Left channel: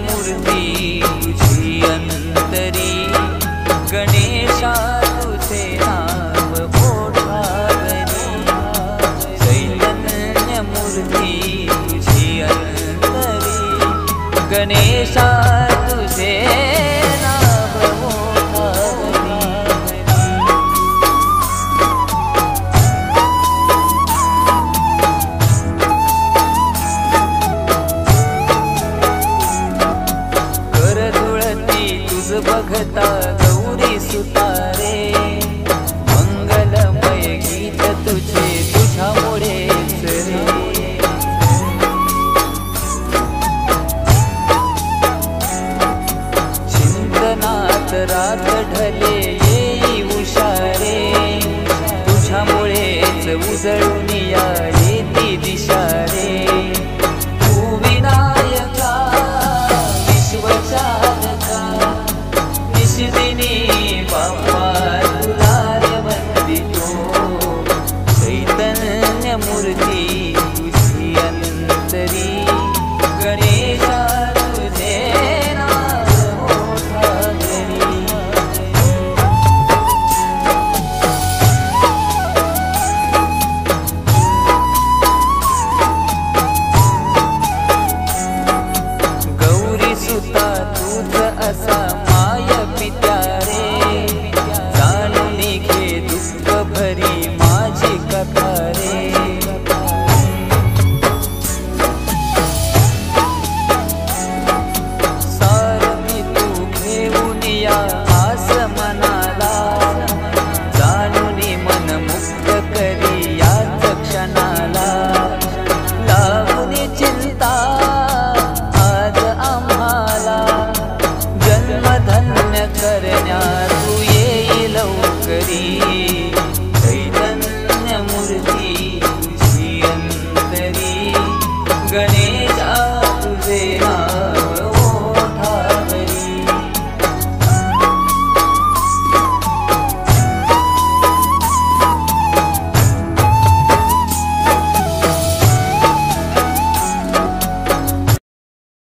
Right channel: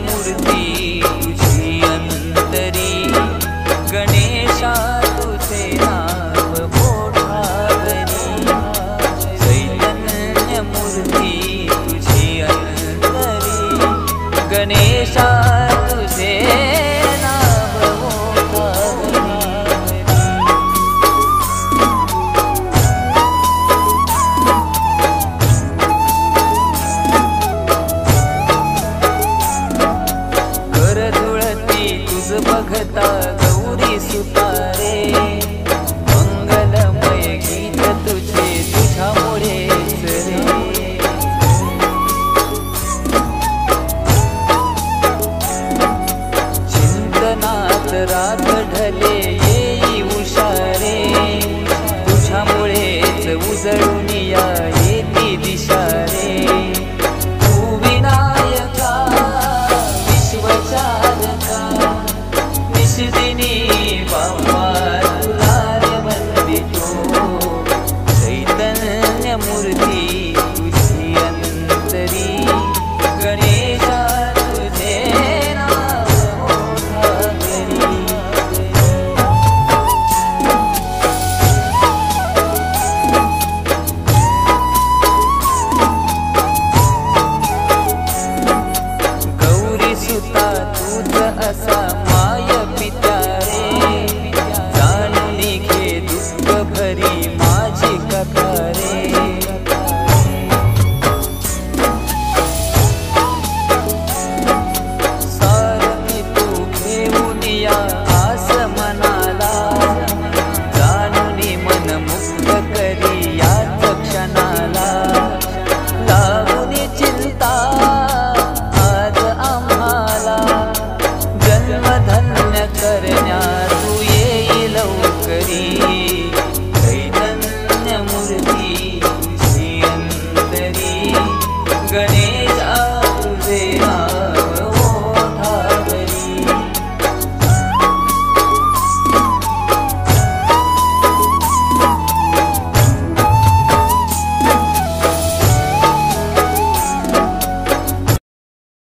मूर्ती तुझी अंतरी, गणेशा तुझे नाव ओठावरी। चैतन्य मूर्ती तुझी अंतरी, गणेशा तुझे नाव ओठावरी। धुळती तुझ बघता गौरी सुतारे, मंगलमय गीत तुझे तुझ्यामुळेच रे। चिंतनात रात ढले येई उशारे, तुझ्यामुळेच उजळून या येती दिशा रे। तू विनायका विश्वचालका, निशिदिनी बाप्पा तुला रे वंदितो। चैतन्य मूर्ती तुझी अंतरी, गणेशा तुझे नाव ओठावरी। गौरी सुता तूच असा माय पित्यारे, जाणून घे दुःख भरी माझी कथा रे। सारथी तू घेऊन या आस मनाला, जाणून मन मुक्त करी याच क्षणाला। लागून चिंता आज आम्हाला, जन्म धन्य करण्या तू येई लवकरी। चैतन्य मूर्ती तुझी अंतरी, गणेश